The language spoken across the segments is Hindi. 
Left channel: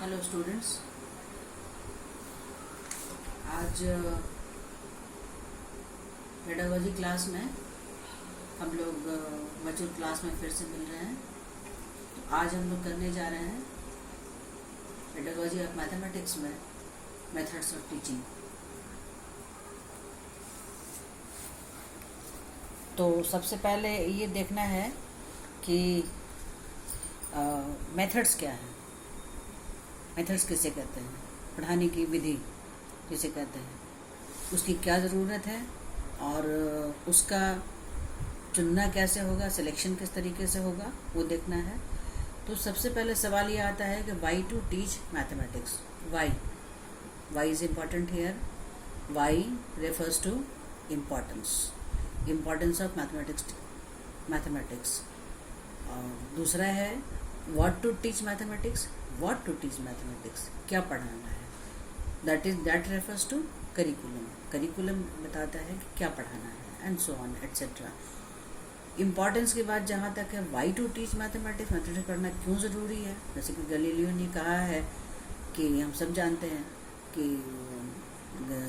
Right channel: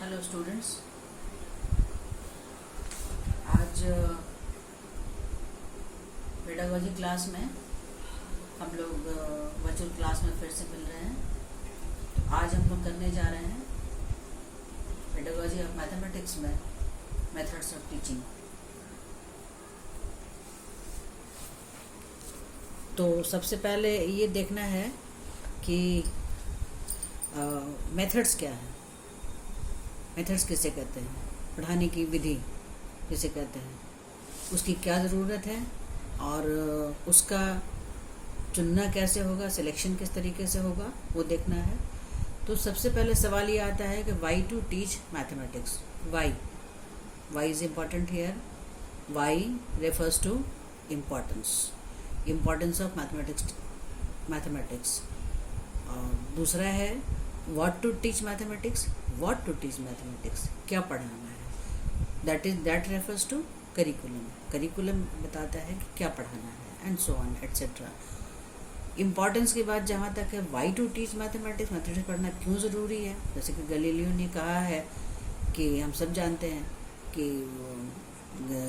Hello students. आज पेडागोजी क्लास में हम लोग वर्चुअल क्लास में फिर से मिल रहे हैं। तो आज हम लोग करने जा रहे हैं पेडागोजी ऑफ मैथमेटिक्स में मेथड्स ऑफ टीचिंग। तो सबसे पहले ये देखना है कि मेथड्स क्या है। मेथड्स किसे कहते हैं, पढ़ाने की विधि किसे कहते हैं, उसकी क्या ज़रूरत है और उसका चुनना कैसे होगा, सिलेक्शन किस तरीके से होगा, वो देखना है। तो सबसे पहले सवाल ये आता है कि why to teach mathematics. Why is important here. Why refers to importance of mathematics. और दूसरा है व्हाट टू टीच मैथमेटिक्स। क्या पढ़ाना है, दैट रेफर्स टू करिकुलम बताता है कि क्या पढ़ाना है, and so on etcetera. Importance की बात जहाँ तक है, वाई टू टीच मैथमेटिक्स पढ़ना क्यों ज़रूरी है। जैसे कि गैलीलियो ने कहा है कि हम सब जानते हैं कि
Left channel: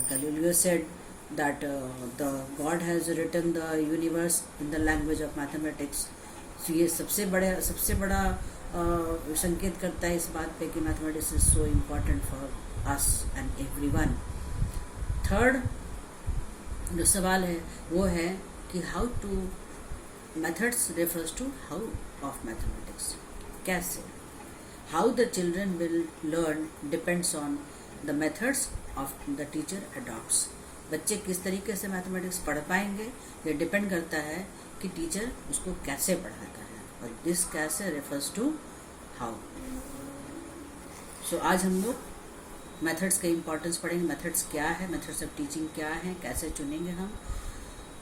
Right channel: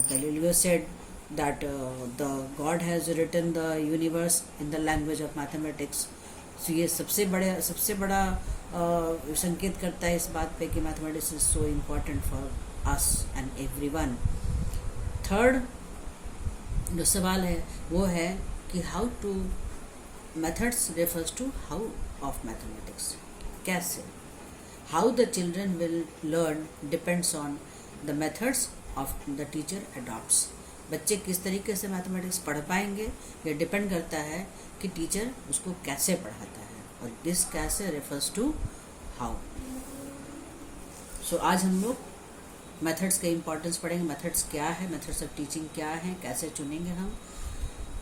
Galileo said that the God has written the universe in the language of mathematics. तो ये सबसे बड़ा संकेत करता है इस बात पे कि mathematics is so important for us and everyone. Third जो सवाल है वो है कि how to methods refers to how of mathematics. कैसे, how the children will learn depends on the methods of the teacher adopts. बच्चे किस तरीके से मैथमेटिक्स पढ़ पाएंगे ये डिपेंड करता है कि टीचर उसको कैसे पढ़ाता है, और दिस कैसे रेफर्स टू हाउ। सो आज हम लोग मेथड्स के इम्पोर्टेंस पढ़ेंगे। मेथड्स क्या है, मेथड्स ऑफ टीचिंग क्या है, कैसे चुनेंगे हम।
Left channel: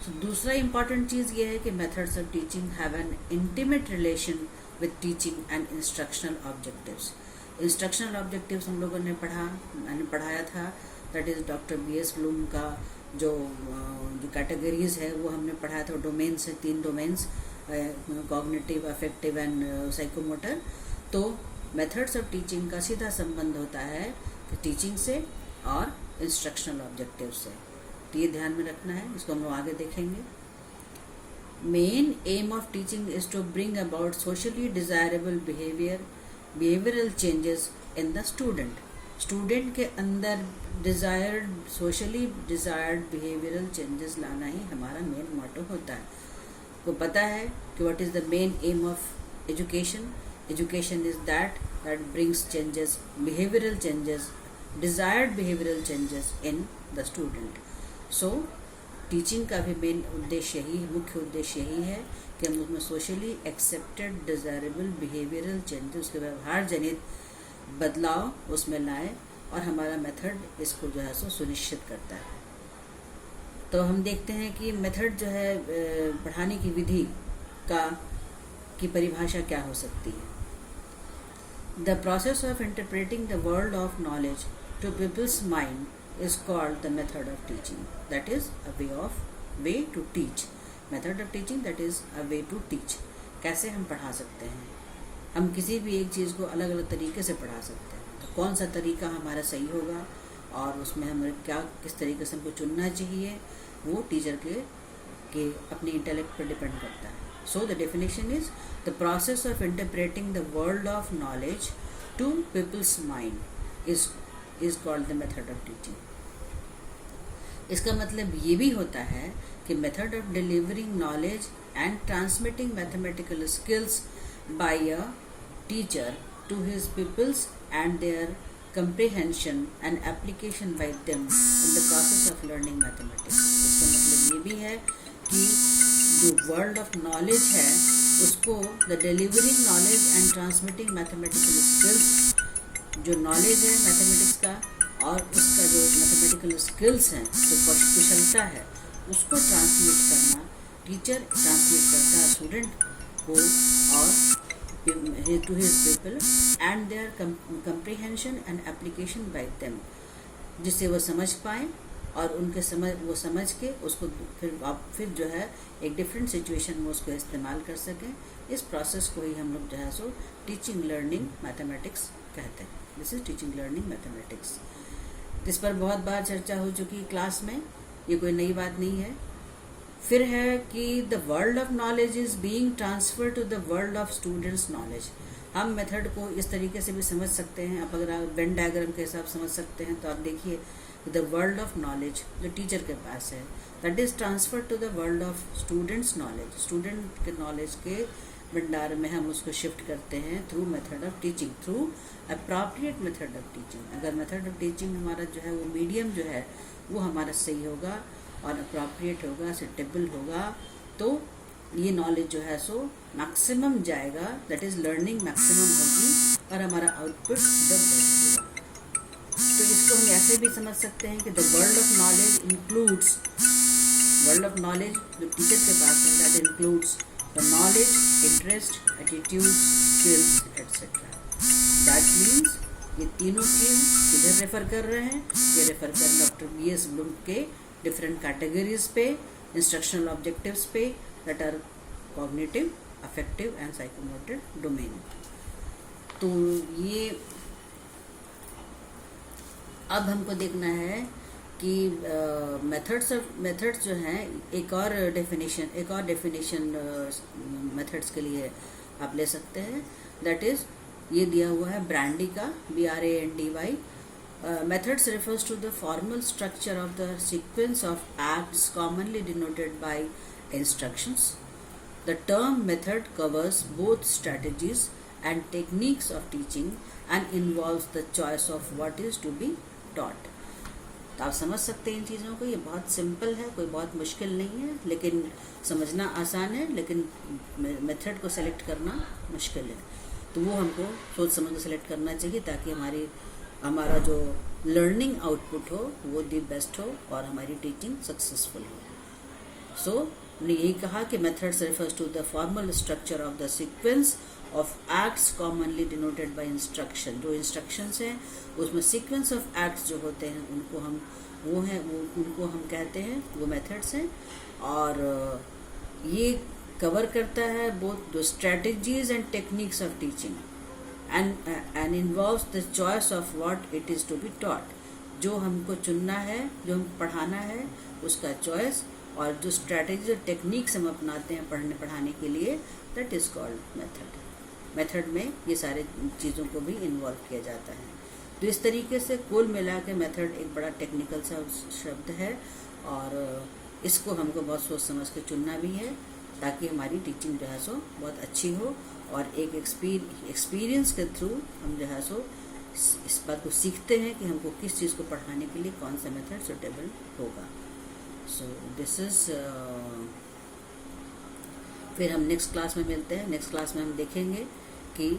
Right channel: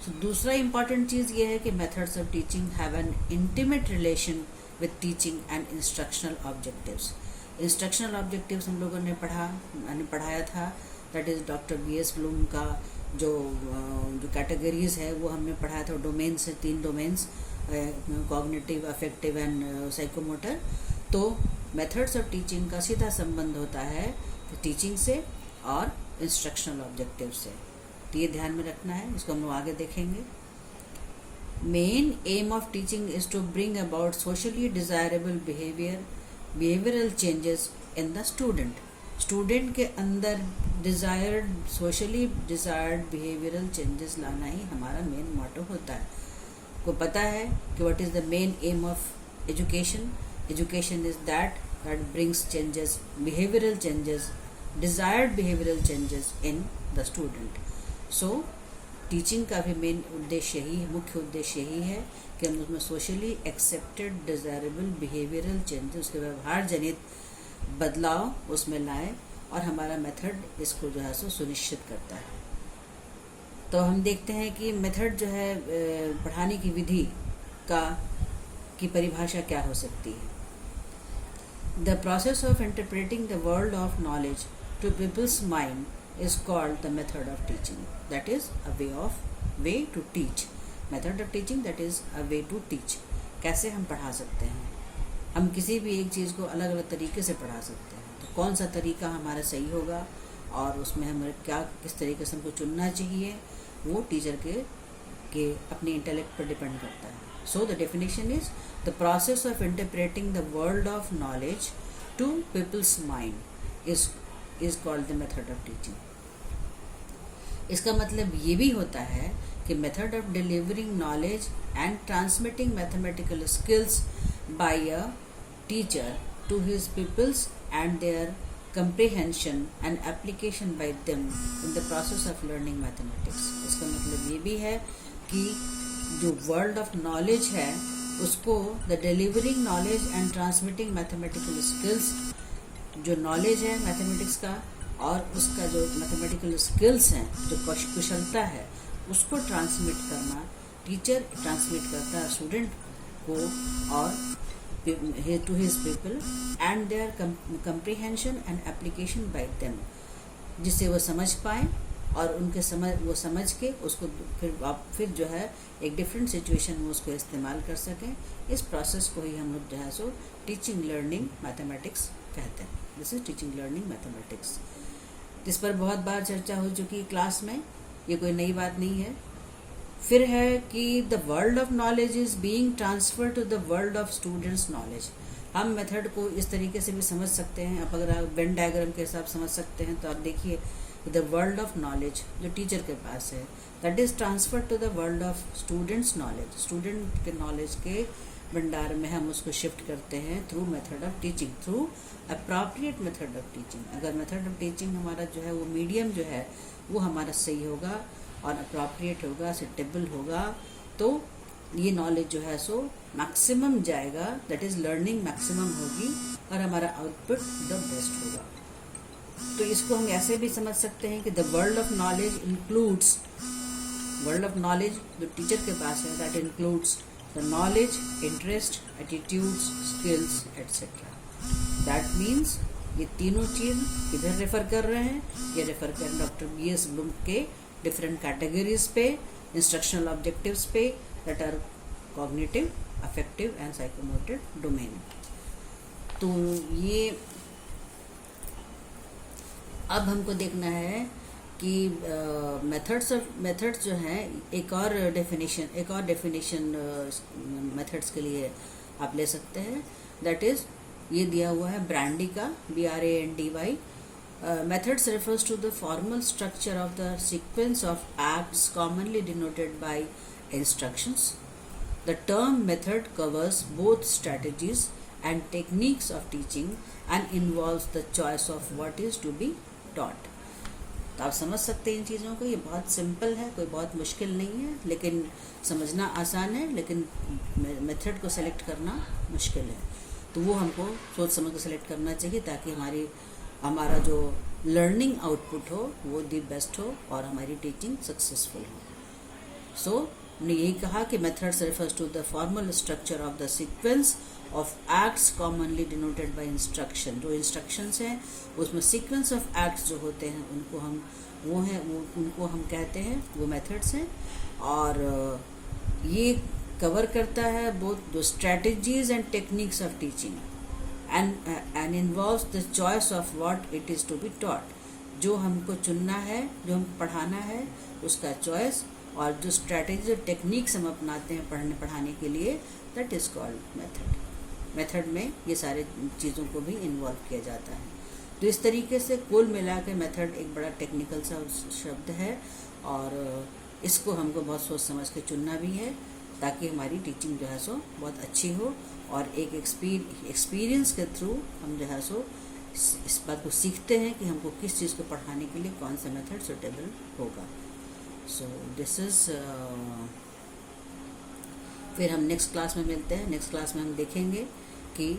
तो दूसरा इम्पॉर्टेंट चीज़ ये है कि methods of teaching have an intimate relation with teaching and instructional objectives. Instructional objectives हम लोगों ने पढ़ाया था, that is doctor BS Bloom का जो कैटेगरीज है वो हमने पढ़ाया था। डोमेन्स है, 3 domains, cognitive, affective and psychomotor. तो मेथड्स ऑफ टीचिंग का सीधा संबंध होता है टीचिंग से और इंस्ट्रक्शनल ऑब्जेक्टिव से। तो ये ध्यान में रखना है, इसको हम लोग आगे देखेंगे। Main aim of teaching is to bring about socially desirable behavioural changes in the student के अंदर सोशली डिजायर्ड बिहेवियरल चेंजेस लाना ही हमारा मेन मोटो होता है। को पता है कि what is the main aim of education is that brings changes, desired behavioral changes in the student. So teaching का भी मेन उद्देश्य यही है, मुख्य उद्देश्य यही है कि हम उसमें socially accepted desirable behavioural changes, उसके व्यवहार जनित बदलाव उसमें लाएं, और हमारा मेथड इसको जो है सो सुनिश्चित करता है। तो हम देखते हैं कि मेथड जो है पढ़ाने की विधि की परिभाषा क्या हो सकती है। The process of interpreting the world of knowledge to people's mind is called the method of teaching. That is a way to teach. Method of teaching, that is a way to teach. कैसे हम पढ़ा सकते हैं, हम किसी भी एक चीज़ को अलग अलग तरीके से पढ़ा सकते हैं। तो कौन सा तरीका हमारा सही होगा और उसमें हमें किस तरीके से हमको चुनना चाहिए, वो टीचर के अपने इंटेलेक्ट पर डिपेंड करता है। So the definition is the process of interpreting the world of knowledge to people's mind is called the method of teaching. इसका मतलब ये भी होता है कि method of delivering knowledge and transmitting mathematical skills by a teacher to his pupils and their comprehension and application by them in the process of learning mathematics. इसका मतलब ये भी है कि जो वर्ल्ड ऑफ नॉलेज है उसको the delivering knowledge and transmitting mathematical skills, जो नॉलेज है मैथमेटिक्स का और उसका जो मैथमेटिकल स्किल्स हैं, जो कुशलता है, उसको ट्रांसमिट करना, टीचर ट्रांसमिट करता है स्टूडेंट को और to his people and their comprehension and application by them, जिससे वो समझ पाएँ और वो समझ के उसको फिर जो है एक डिफरेंट सिचुएशन में उसको इस्तेमाल कर सकें। इस प्रोसेस को ही हम लोग जो है सो टीचिंग लर्निंग मैथमेटिक्स कहते हैं। This is teaching learning mathematics. इस पर बहुत बार चर्चा हो चुकी है क्लास में, ये कोई नई बात नहीं है। फिर है कि the world of knowledge is being transfer to the world of students knowledge. हम मेथड को इस तरीके से भी समझ सकते हैं, आप अगर आप वेन डायग्राम के हिसाब समझ सकते हैं तो आप देखिए द वर्ल्ड ऑफ नॉलेज जो टीचर के पास है, that is transfer to the world of students knowledge. Student के नॉलेज के भंडार में हम उसको शिफ्ट करते हैं through method of teaching, through appropriate method of teaching. अगर मेथड ऑफ टीचिंग हमारा जो है वो मीडियम जो है वो हमारा सही होगा और अप्रोप्रिएट होगा, सेटेबल होगा, तो ये नॉलेज जो है सो मैक्सिमम जाएगा, दैट इज लर्निंग मैक्सिमम होगी और हमारा आउटपुट द बेस्ट होगा। तो इसको हम ऐसे भी समझ सकते हैं कि the world of knowledge includes, world of knowledge जो टीचर के पास है, that includes the knowledge, interest, attitude, skills etcetera. That means ये तीनों चीज किधर रेफर कर रहे हैं, ये रेफर कर डॉक्टर B.S. ब्लूम के डिफरेंट कैटेगरीज पे, इंस्ट्रक्शनल ऑब्जेक्टिव्स पे, that are cognitive, affective and psychomotor domain. तो ये अब हमको देखना है कि मेथड्स जो हैं, एक और डेफिनेशन मेथड्स के लिए आप ले सकते हैं, दैट इज ये दिया हुआ है ब्रांडी का, BRANDY। Methods refers to the formal structure of the sequence of acts commonly denoted by instructions. The term method covers both strategies and techniques of teaching and involves the choice of what is to be taught. तो आप समझ सकते हैं इन चीज़ों को, ये बहुत सिंपल है, कोई बहुत मुश्किल नहीं है, लेकिन समझना आसान है, लेकिन मेथड को सेलेक्ट करना मुश्किल है। तो वो हमको सोच समझ के सेलेक्ट करना चाहिए ताकि हमारा जो लर्निंग आउटपुट हो वो दी बेस्ट हो और हमारी टीचिंग सक्सेसफुल हो। सो हमने यही कहा कि methods refers to the formal structure of the sequence of acts commonly denoted by instruction. जो इंस्ट्रक्शंस हैं उसमें सीक्वेंस ऑफ एक्ट्स जो होते हैं उनको हम कहते हैं, वो मेथड्स हैं। और ये कवर करता है both the strategies and techniques of teaching and involves the choice of what it is to be taught। जो हमको चुनना है, जो हम पढ़ाना है उसका चॉइस, और जो स्ट्रैटेजी और टेक्निक्स हम अपनाते हैं पढ़ाने के लिए, that is called method. Method में ये सारे चीज़ों को भी इन्वॉल्व किया जाता है। तो इस तरीके से कुल मिला के मेथड एक बड़ा टेक्निकल सा शब्द है और इसको हमको बहुत सोच समझ के चुनना भी है ताकि हमारी टीचिंग जो है सो बहुत अच्छी हो, और एक एक्सपीरियंस के थ्रू हम जो है सो इस बात को सीखते हैं कि हमको किस चीज़ को पढ़ाने के लिए कौन सा मेथड सुटेबल होगा। सो दिस इज फिर हम नेक्स्ट क्लास में मिलते हैं। नेक्स्ट क्लास में हम देखेंगे कि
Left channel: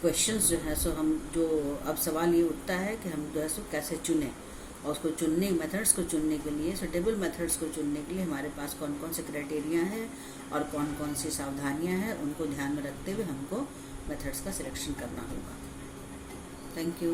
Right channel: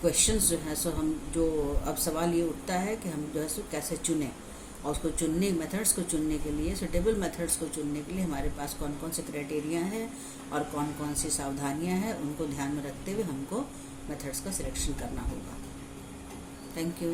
क्वेश्चंस जो है सो हम जो अब सवाल ये उठता है कि हम जो है सो कैसे चुनें, और उसको चुनने मेथड्स को चुनने के लिए, सुटेबल मेथड्स को चुनने के लिए हमारे पास कौन कौन से क्राइटेरिया हैं और कौन कौन सी सावधानियां हैं, उनको ध्यान में रखते हुए हमको मेथड्स का सिलेक्शन करना होगा। Thank you.